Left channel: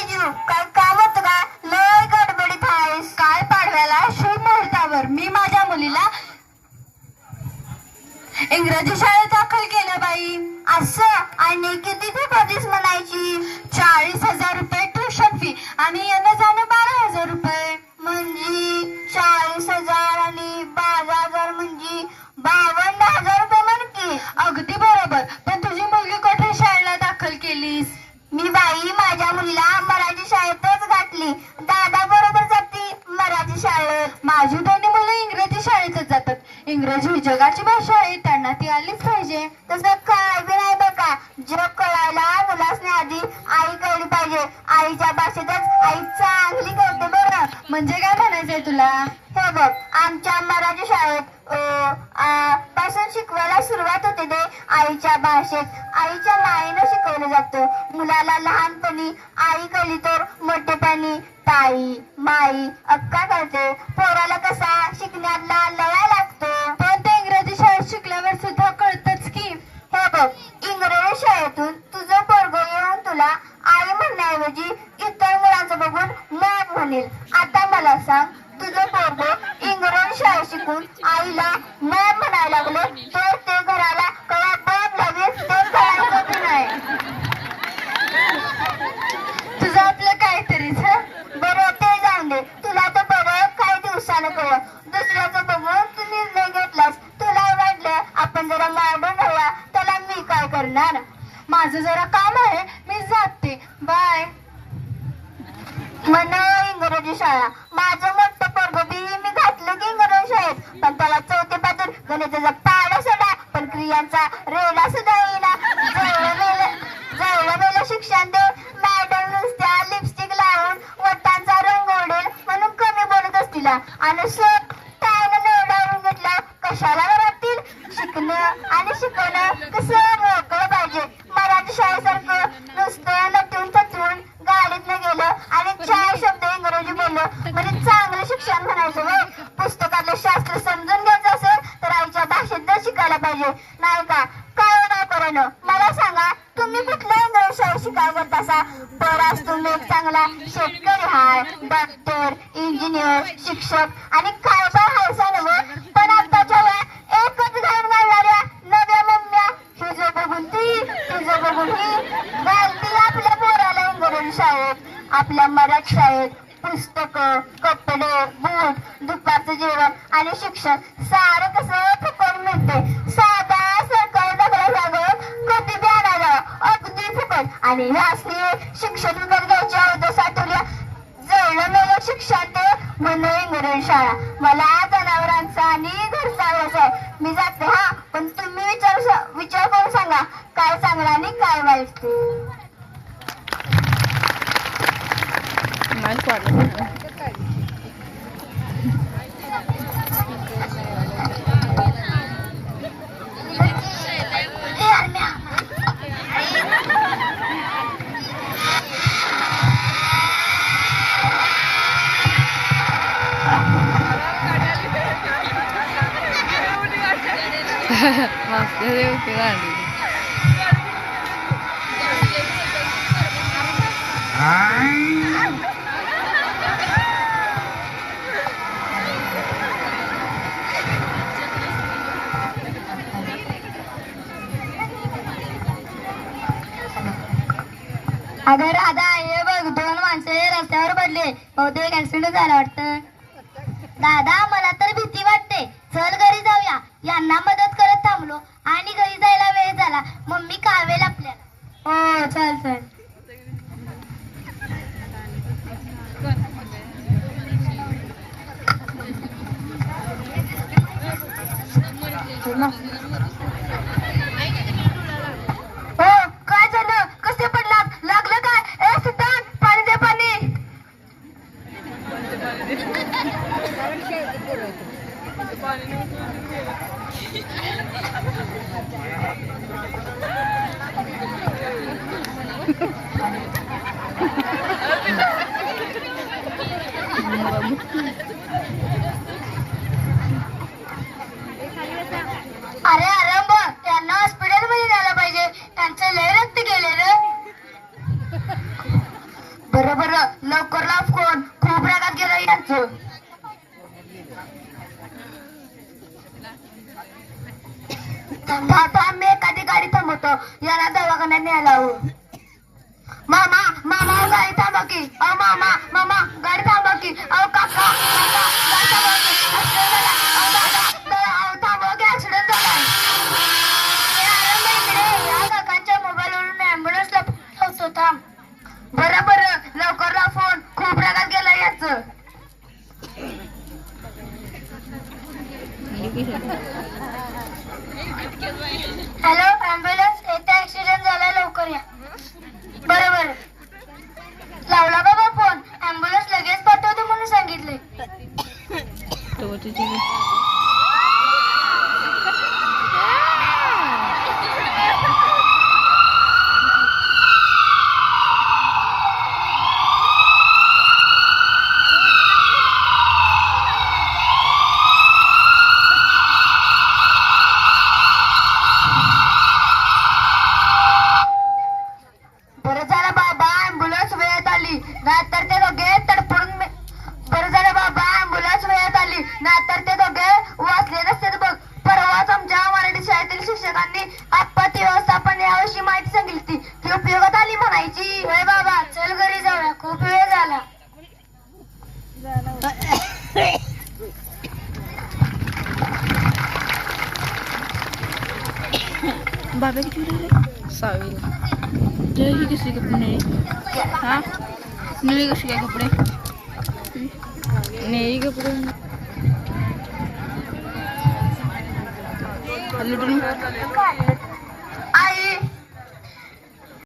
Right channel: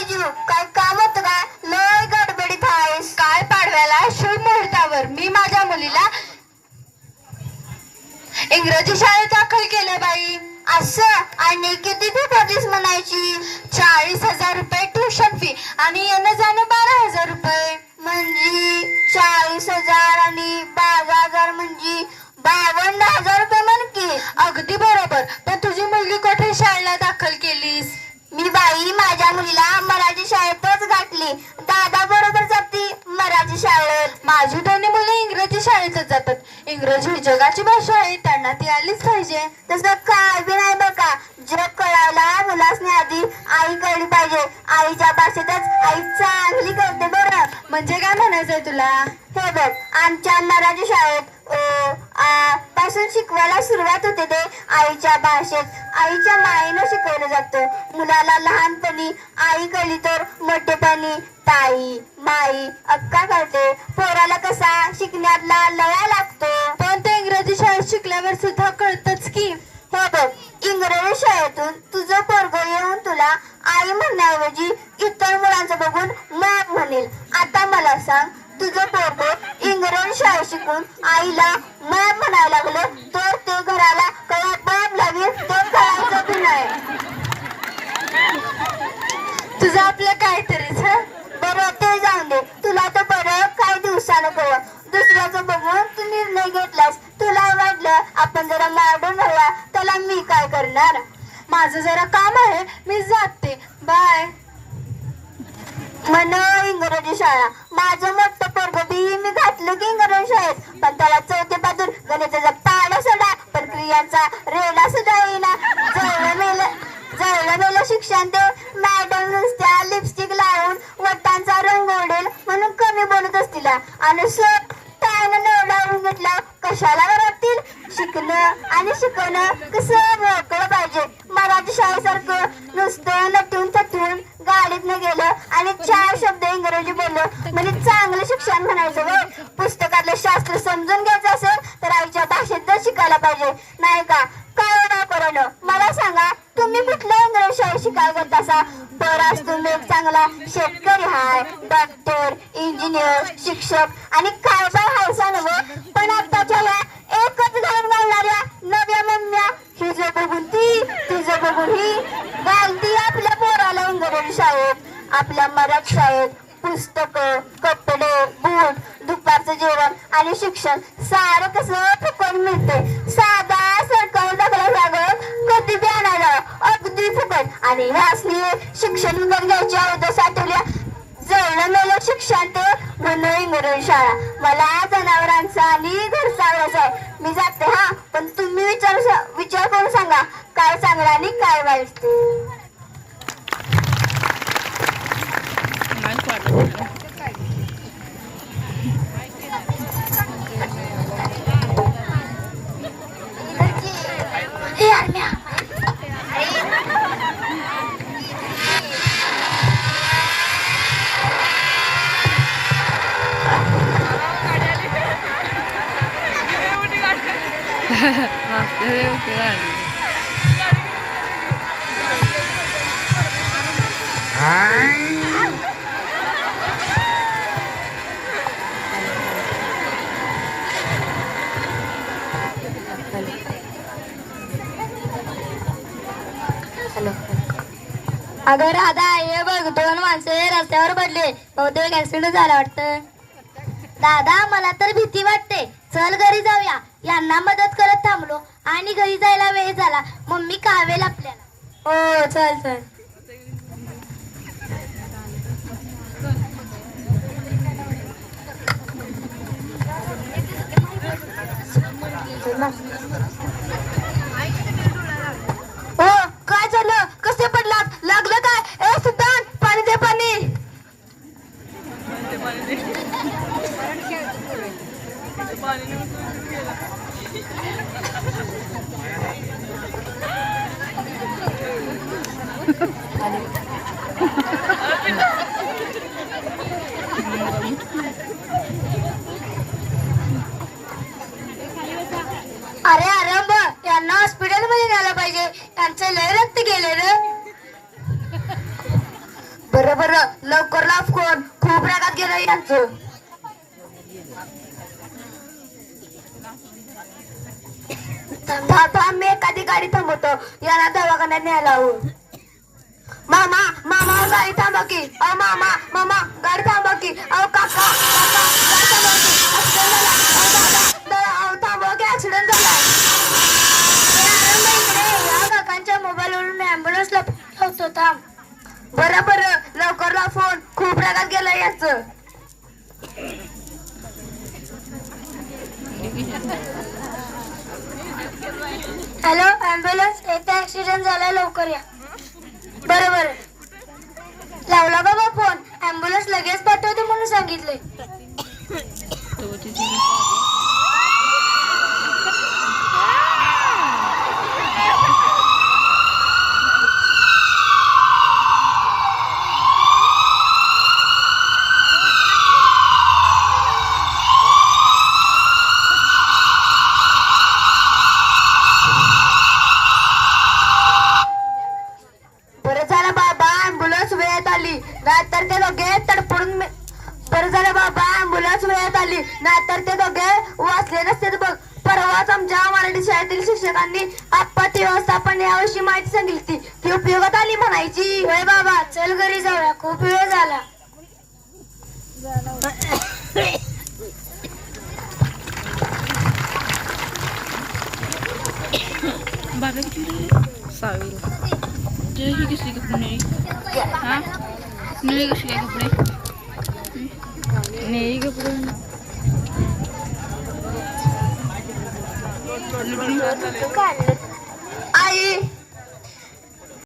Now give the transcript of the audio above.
तेजू काय काम होतं का? लय गडबडीत आहेस. काय पाडव्याला? शुभ मुहूर्तावर. मी माझ्या मुलीला इंग्रजी शाळेत दाखल केलं बाई. असं आणि किती फी बाई माझ्या मुलीला मराठी शाळेतच घातली. दादा बरोबर जाते मराठी शाळेत. माझी दोन्ही मुलं इंग्रजी शाळेतच जातात. इंग्रजी ही जगाची भाषा आहे त्यांना ती आलीच पाहिजे. तसं काय बी नाही बघा. जग कळायला मुलासने आधी आई कळली पाहिजे. आईच्या भाषेतच आई बरं म्हणजे काय म्हणायचंय तुला? हे बघ आमच्या मराठी शाळेत अ, आ, पासून शिकवायला सुरुवात होते ते आईच्या भाषेत. आईच्या मायेनं शिकवलं जातं. मुलाला लहानपणी आई कळली तर मोठेपणी ताई माई अक्का कळते. पोराला कसा शिकण्यातला लया लागतो. पण ते इंग्रजी शाळेत शिकल्यावर सुद्धा कळतच की. हे बघ इंग्रजी शाळेतून तुझं पोरग येऊन तुला आई म्हणण्याऐवजी इतर मुलांचं बघून मॅप म्हणेल आता मला सांग तुझं पोरग शाळा शिकून आईला मॅप म्हणायला लागले तर ते घराला कवा बाप लागेल ते कळायचं नाही. तुझं आपलं काहीतरीच हा? बरं ते जाऊन दे. तुला तर बरं काही दिवसानं कळ दुसऱ्याचं बघून तू निर्णय घेतलास. तुला वाटलं आपण जरा मारून राहूया. त्याला मी काय करणार? माझं जरा काम आहे मी जाते. बाय. मन इंग्रजी शाळा. माझं पण त्याला चौथे पातून गणिताचा पाडा सोडा पण क्रियांचा रेडा सुद्धा येईना जवळ मेल जवळ शिक्षण दे मॅडम नुसत्या लिपस्टिक लावून वटांचा रंग उडेल म्हणून कमी बोलत असतील. आणि सर त्यानं नवडावून घेतला. कशाला घरातील शिकणं आणि शिकवणं कसं मोकळं पाहिजे? मराठी शाळेसारखं नुसतं नटून थटून गाडीतनं गेलं आणि चार शब्द इंग्रजी बोललो. म्हणजे चांगलं शिक्षण म्हणायचं पुस्तक पाहिजे. नाही का काय नाही करणं? मला सांगा तुम्ही कुठल्या इंग्रजी शिकाय करत असा? बराच तुम्ही एक चांगला शेतकरी हाय डॉक्टर इंजिनियर शिक्षक आणि काय काय हायसा नव पण आताच्या या एकच घाण घालणाऱ्या नव्या मम्म्या हिजं बघून ती तिचं बघून ही घालती आपल्या पोराला इंग्रजी शाळेत. आपल्या मराठी शाळेत. पुस्तक कपडे बूट दुपारचं जेवण आणि शिक्षण सारं कसं फुकट मिळते साधा सरकारी दाखला जागत कधी बी आणायला अगदी फुकट. आणि ह्यासनी शिक्षण विभाग घ्यायची अगोदर साठवल्या जवळ मेलं शिक्षण ते म्हणून इंग्रजी शाळा. मला जनावरांचा आणि घरचा व्यवसाय मी जाते हा. अगं राधा हे बघ दोन माणसे रस्त्यावर पडले. बहुतेक ऍक्सिडेंट झाला वाटतं. दादा मला तर भीती वाटते. चल घरी जाऊया. यांना मदत करत थांबलो आणि घरी जायला वेळ झाला. मम्मी कावेल आपल्याला. हो चल चल. अरे अरे बघ त्यांना हॉस्पिटलमध्ये न्यायला पाहिजे. त्यांचं लय रक्त गेले रे. बर बरं. बरं लवकर लाभ कोण खूप रागात गेलं यांचं. थांबा थांब मी एखादी गाडी थांबवतो. याला दवाखान्यात न्यायला हवं मामा मामा अहो, गाडी थांबा की. अहो मामा मामा गाडी थांबा की. अहो काका काका गाडी थांबा की. ऍक्सिडेंट झाला अहो दादा दादा अहो थांबा की ऍक्सिडेंट झालाय. या काकांच्या मोबाईलवरून मी ॲम्ब्युलन्सला होतो. थांब बरं बरं. लवकर फोन. खूप रागात गेलं याचं. हॅलो ॲम्ब्युलन्स येथे ऍक्सिडेंट झाला लवकर या. बरोबर. लावला बाबा फोन. ऍम्ब्युलन्स लगेच पाठवते म्हणून सांगितले बरं झालं बाबा अँब्युलन्स वेळेत आली नाहीतर ते दोघे तडपडून मे- बरं झालं बाबा अँब्युलन्स वेळेत आली नाहीतर ते दोघे वाचले नसते बघ. परवाच आमच्या मराठी शाळेतील शिक्षकांनी आपत्ती व्यवस्थापन याविषयी माहिती सांगितली ती उपयोगात आली म्हणायची. होय बाबा चल घरी जाऊया. खूप वेळ झाला. बाबा किती ते ही कशी कपडे हा? नळी कशी काय कपडे? कपडे. आई.